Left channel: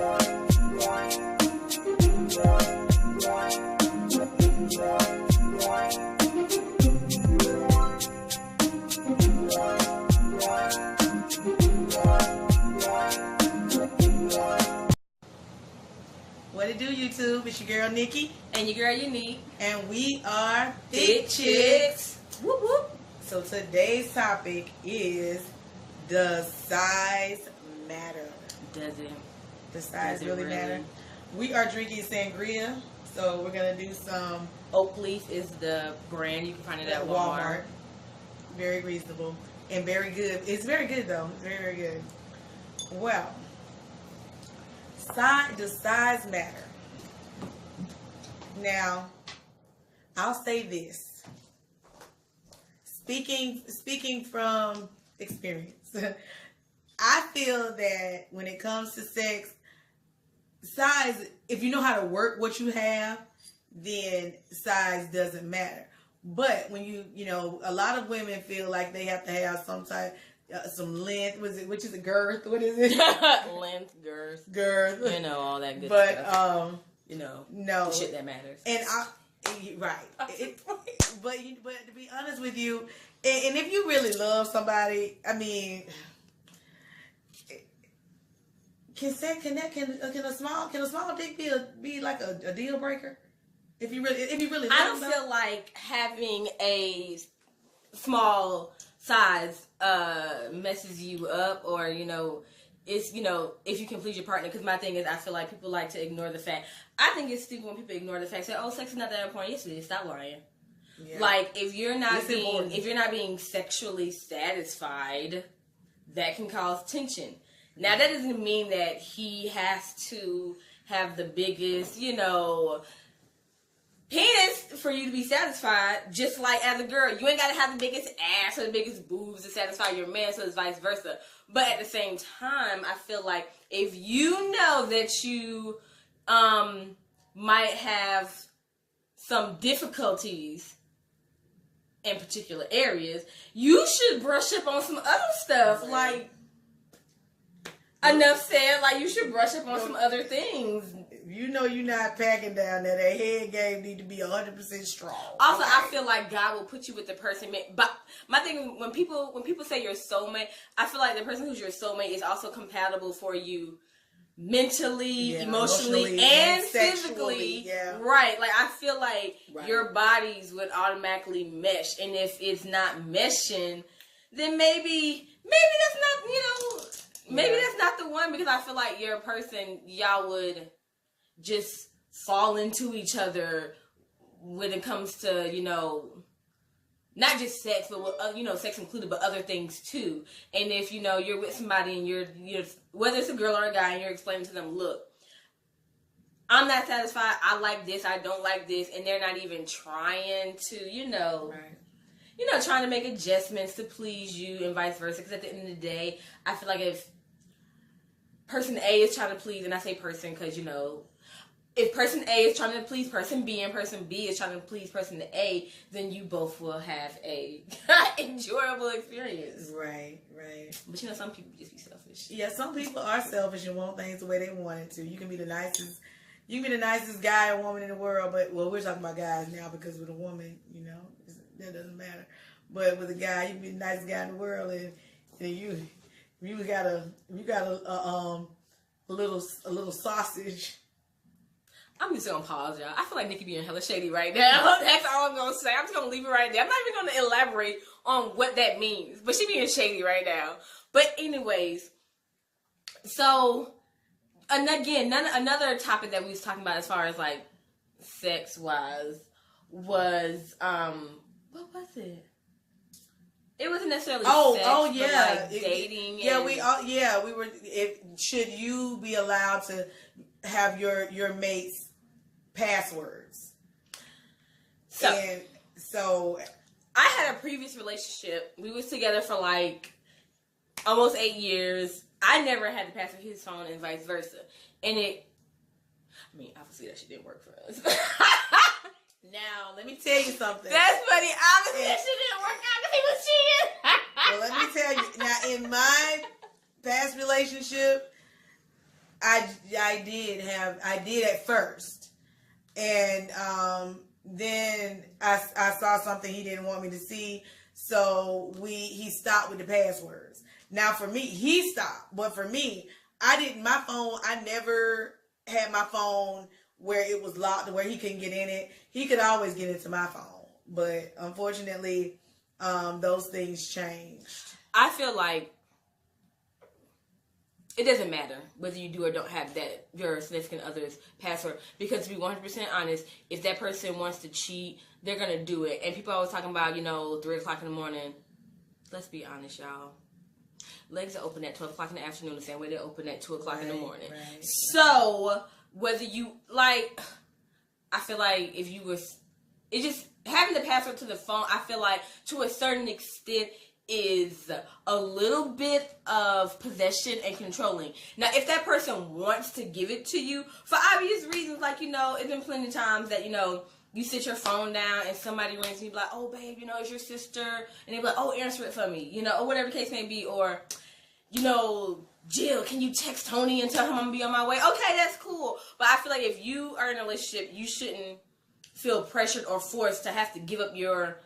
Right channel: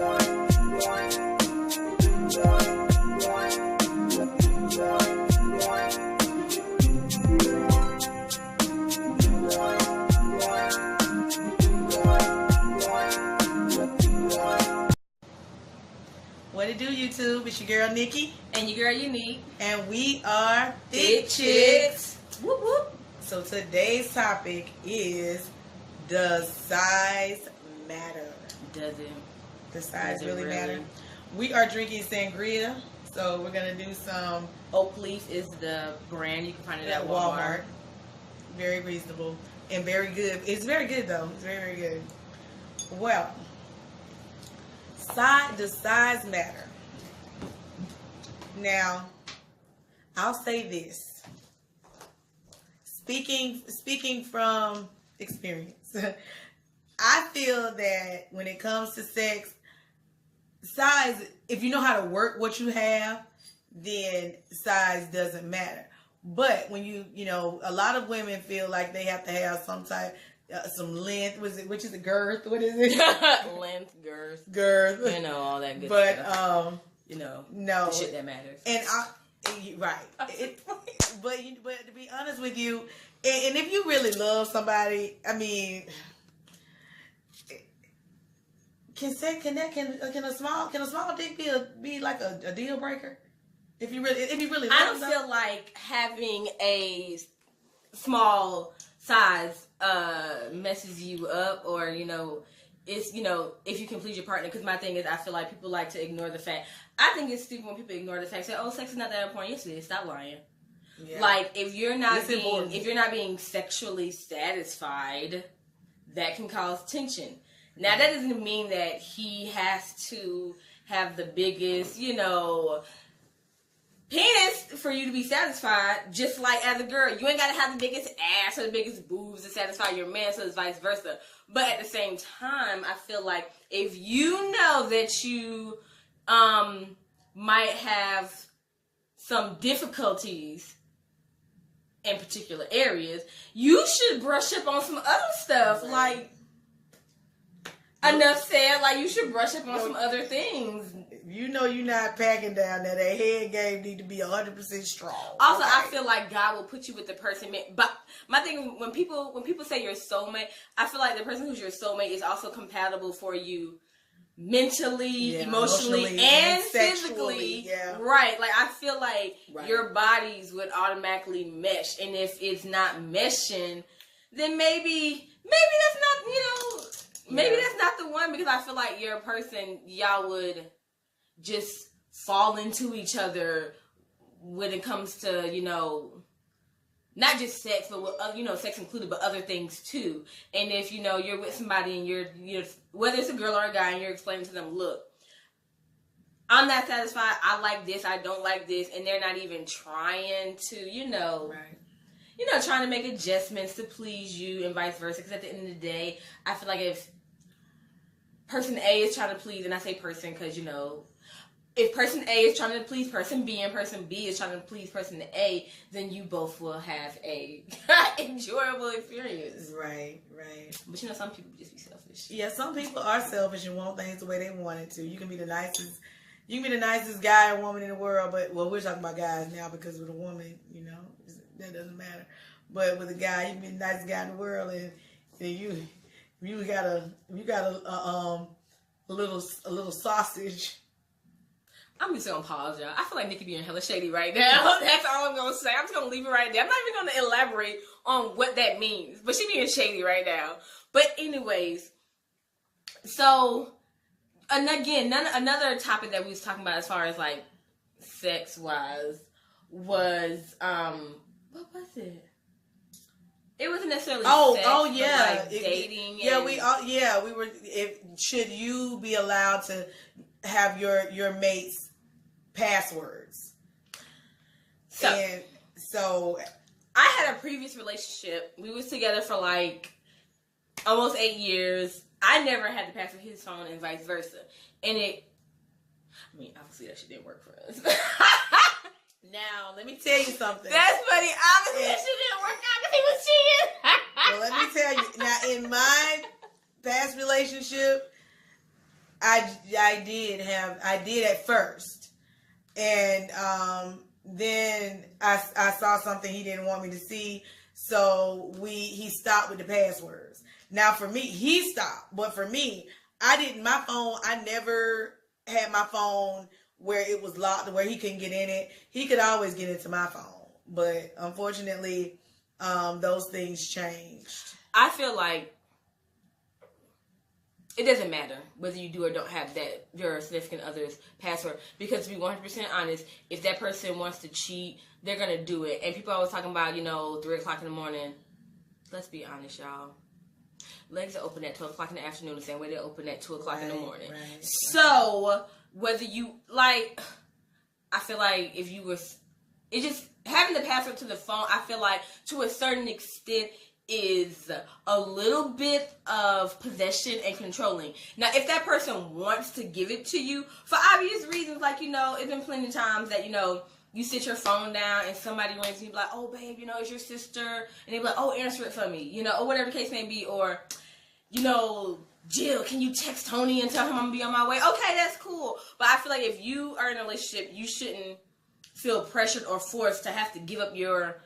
What it do, YouTube? It's your girl Nikki. And your girl Unique. And we are Thick Chicks. Whoop whoop. So today's topic is, does size matter? Does it? Does size Does it really matter? We are drinking sangria, so we're going to do some... Oak Leaf is the brand. You can find it at Walmart. Very reasonable and very good. It's very good, though. It's very, very good. Well... does size matter? Now, I'll say this. Speaking from experience, I feel that when it comes to sex, size, if you know how to work what you have, then size doesn't matter. But when you know, a lot of women feel like they have to have some type, some length, which is a girth? What is it? Length, girth. You know, all that good but, stuff. No. The shit that matters. And right. But to be honest with you, and if you really love somebody, I mean, can a small dick be like a deal breaker? If you really love I don't feel like having a small size messes you up, or it's if you can please your partner. Because my thing is, I feel like people like to ignore the fact. I think it's stupid when people ignore the fact. Say, "Oh, sex is not that important." Yes, it is. Stop lying. Yeah. Like if you're not being sexually satisfied, that can cause tension. Now that doesn't mean that he has to have the biggest, penis for you to be satisfied. Just like as a girl, you ain't gotta have the biggest ass or the biggest boobs to satisfy your man, so it's vice versa. But at the same time, I feel like if you know that you might have some difficulties in particular areas, you should brush up on some other stuff. Like, enough said, like, you should brush up on some other things. You know you're not packing down that head game need to be 100% strong. Also, okay. I feel like God will put you with the person. But my thing is, when people say your soulmate, I feel like the person who's your soulmate is also compatible for you mentally, emotionally, and physically. Yeah. Right. Like, I feel like your bodies would automatically mesh. And if it's not meshing, then maybe that's not, maybe that's not the one, because I feel like you're a person, y'all would just fall into each other when it comes to, not just sex, but, sex included, but other things too. And if, you're with somebody and you're, whether it's a girl or a guy, and you're explaining to them, look, I'm not satisfied, I like this, I don't like this, and they're not even trying to, trying to make adjustments to please you and vice versa. Because at the end of the day, I feel like if person A is trying to please, and I say person because, if person A is trying to please person B and person B is trying to please person A, then you both will have a enjoyable experience. Right. But some people just be selfish. Yeah, some people are selfish and want things the way they want it to. You can be the nicest guy or woman in the world, but we're talking about guys now, because with a woman, that doesn't matter. But with a guy, you can be the nicest guy in the world, and you got a little sausage. I'm just gonna pause, y'all. I feel like Nikki being hella shady right now. That's all I'm gonna say. I'm just gonna leave it right there. I'm not even gonna elaborate on what that means, but she being shady right now. But anyways, so, and again, another topic that we was talking about as far as like sex wise was what was it? It wasn't necessarily sex, yeah, but like dating. We were. Should you be allowed to have your mate's passwords? So I had a previous relationship. We was together for like almost 8 years. I never had to pass his phone and vice versa. And obviously that shit didn't work for us. Now, let me tell you something. That's funny. Obviously that shit didn't work out because he was cheating. Well, let me tell you. Now, in my past relationship, I did at first, and then I saw something he didn't want me to see, so he stopped with the passwords. Now for me, he stopped, but for me, I didn't. My phone, I never had my phone where it was locked, where he couldn't get in it. He could always get into my phone, but unfortunately, those things changed. I feel like it doesn't matter whether you do or don't have that your significant other's password, because to be 100% honest, if that person wants to cheat, they're gonna do it. And people always talking about 3:00 in the morning. Let's be honest, y'all. Legs are open at 12 o'clock in the afternoon, the same way they're open at 2 o'clock in the morning. Right. So whether you like, I feel like if you were, it just having the password to the phone, I feel like to a certain extent is a little bit of possession and controlling. Now, if that person wants to give it to you for obvious reasons, like, it's been plenty of times that, you sit your phone down and somebody rings and you be like, oh, babe, it's your sister. And they be like, oh, answer it for me, or whatever the case may be. Or, Jill, can you text Tony and tell him I'm going to be on my way? Okay, that's cool. But I feel like if you are in a relationship, you shouldn't feel pressured or forced to have to give up your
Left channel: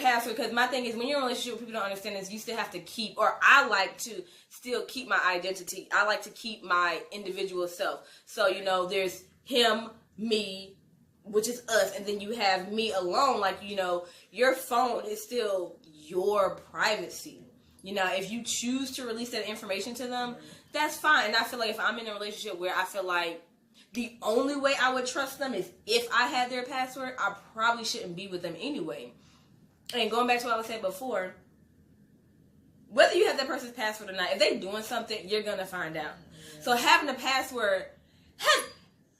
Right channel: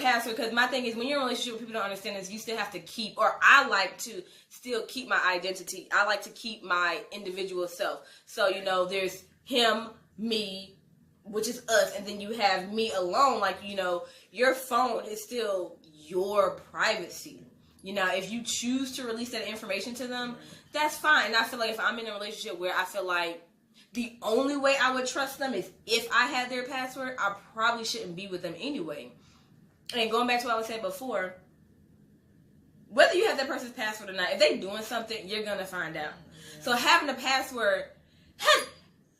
password. Because my thing is, when you're in a relationship, people don't understand is you still have to keep, or I like to still keep my identity. I like to keep my individual self. So, there's him, me, which is us, and then you have me alone. Like, your phone is still your privacy. If you choose to release that information to them, that's fine. And I feel like if I'm in a relationship where I feel like the only way I would trust them is if I had their password, I probably shouldn't be with them anyway. And going back to what I was saying before, whether you have that person's password or not, if they doing something, you're going to find out. Yeah. So having a password,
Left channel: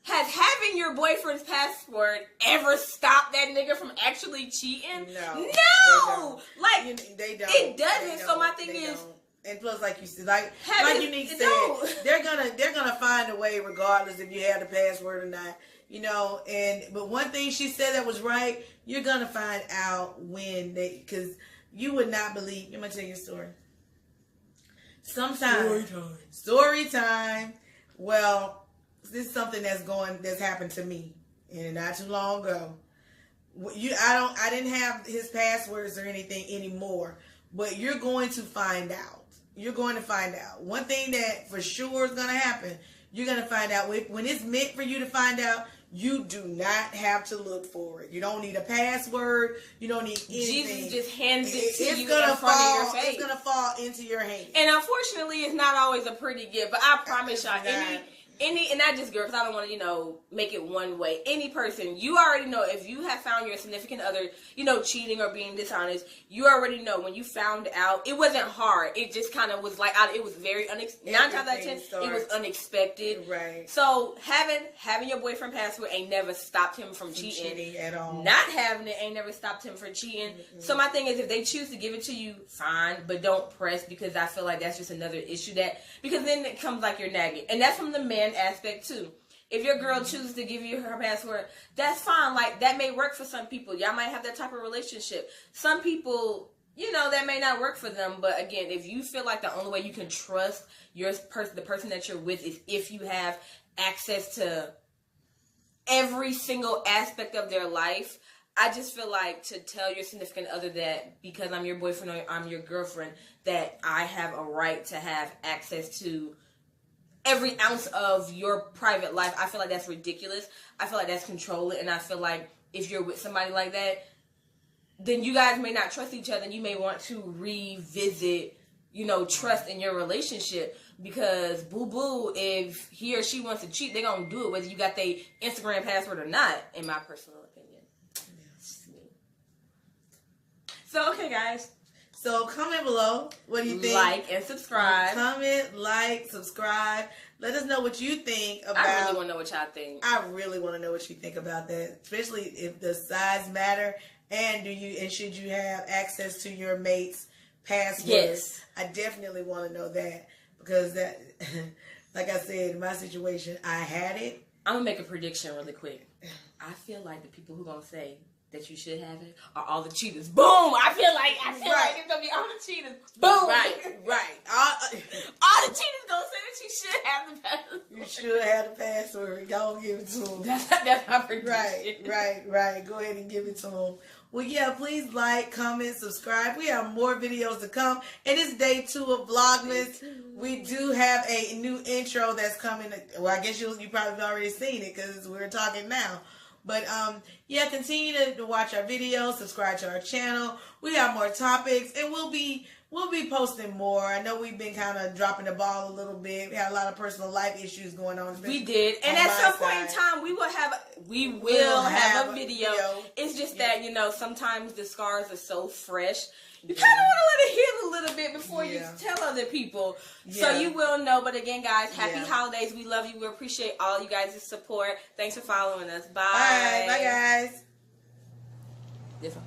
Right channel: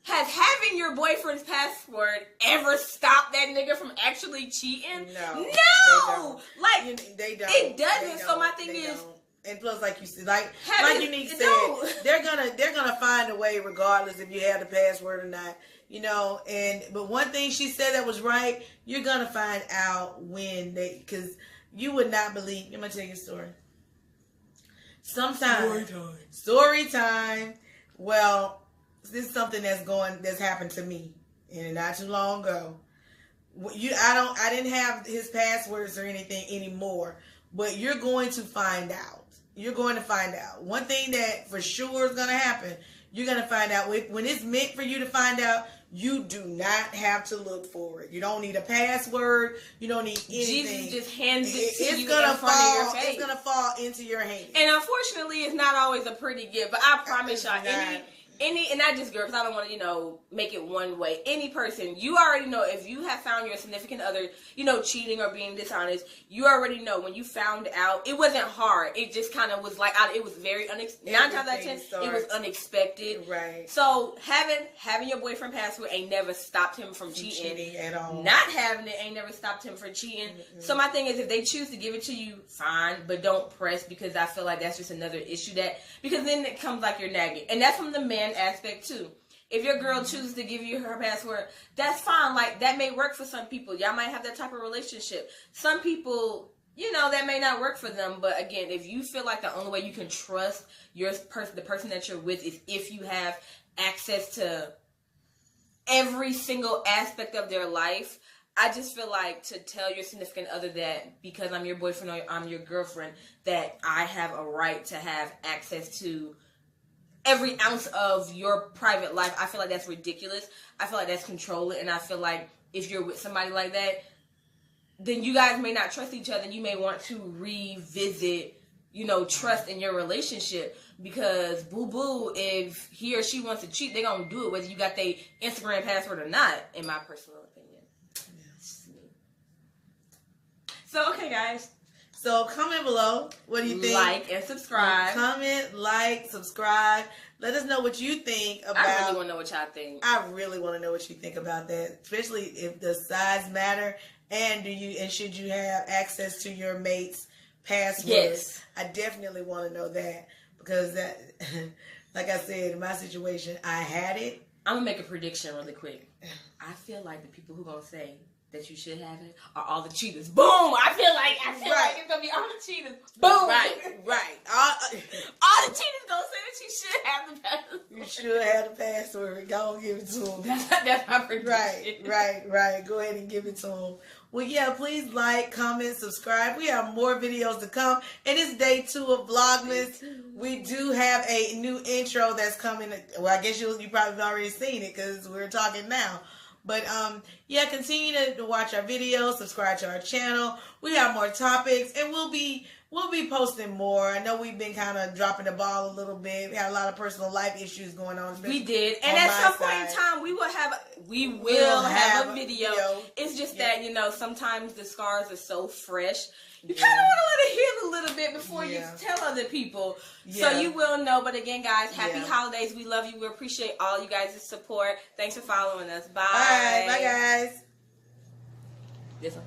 has having your boyfriend's password ever stopped that nigga from actually cheating? No. They don't. It doesn't. So my thing is, and plus, like you said, like Unique said, they're gonna find a way regardless if you have the password or not. But one thing she said that was right. You're gonna find out because you would not believe. I'm gonna tell you a story. Sometimes story time. Well, this is something that's happened to me, and not too long ago. I didn't have his passwords or anything anymore, but you're going to find out. You're going to find out. One thing that for sure is going to happen, you're going to find out when it's meant for you to find out. You do not have to look for it. You don't need a password. You don't need anything. Jesus just hands it to you in front of your face. It's gonna fall into your hand. And unfortunately, it's not always a pretty gift. But I promise y'all, and not just girl, because I don't want to, make it one way. Any person, you already know if you have found your significant other, cheating or being dishonest, you already know when you found out, it wasn't hard. It just kind of was like, it was very unexpected. 9 times out of 10, it was unexpected. Right. So having your boyfriend password ain't never stopped him from cheating at all. Not having it ain't never stopped him from cheating. Mm-hmm. So my thing is, if they choose to give it to you, fine, but don't press, because I feel like that's just another issue because then it comes like you're nagging. And that's from the man aspect too. If your girl chooses to give you her password, that's fine. Like, that may work for some people. Y'all might have that type of relationship. Some people, that may not work for them. But again, if you feel like the only way you can trust the person that you're with is if you have access to every single aspect of their life, I just feel like to tell your significant other that because I'm your boyfriend or I'm your girlfriend, that I have a right to have access to every ounce of your private life, I feel like that's ridiculous. I feel like that's controlling, and I feel like if you're with somebody like that, then you guys may not trust each other. You may want to revisit, trust in your relationship, because boo-boo, if he or she wants to cheat, they're going to do it whether you got their Instagram password or not, in my personal opinion. Yes. So, okay, guys. So comment below. What do you think? Like and subscribe. Comment, like, subscribe. Let us know what you think about. I really want to know what y'all think. I really want to know what you think about that, especially if the size matter, and should you have access to your mate's password? Yes. I definitely want to know that, because that, like I said, in my situation, I had it. I'm gonna make a prediction really quick. I feel like the people who gonna say that you should have it are all the cheaters. Boom! I feel like it's gonna be all the cheaters. Boom! Right. All the cheaters gonna say that you should have the password. should have the password. Go give it to him. That's my prediction. Right. Go ahead and give it to him. Well, yeah, please like, comment, subscribe. We have more videos to come. And it's day 2 of Vlogmas. We do have a new intro that's coming. Well, I guess you probably already seen it because we're talking now. But, yeah, continue to watch our videos, subscribe to our channel. We have more topics, and we'll be posting more. I know we've been kind of dropping the ball a little bit. We had a lot of personal life issues going on. We did. And at some point in time, we will have a video. It's just that, sometimes the scars are so fresh. You kind of want to let it heal a little bit before you tell other people. Yeah. So you will know. But again, guys, happy holidays. We love you. We appreciate all you guys' support. Thanks for following us. Bye. All right. Bye, guys. This one.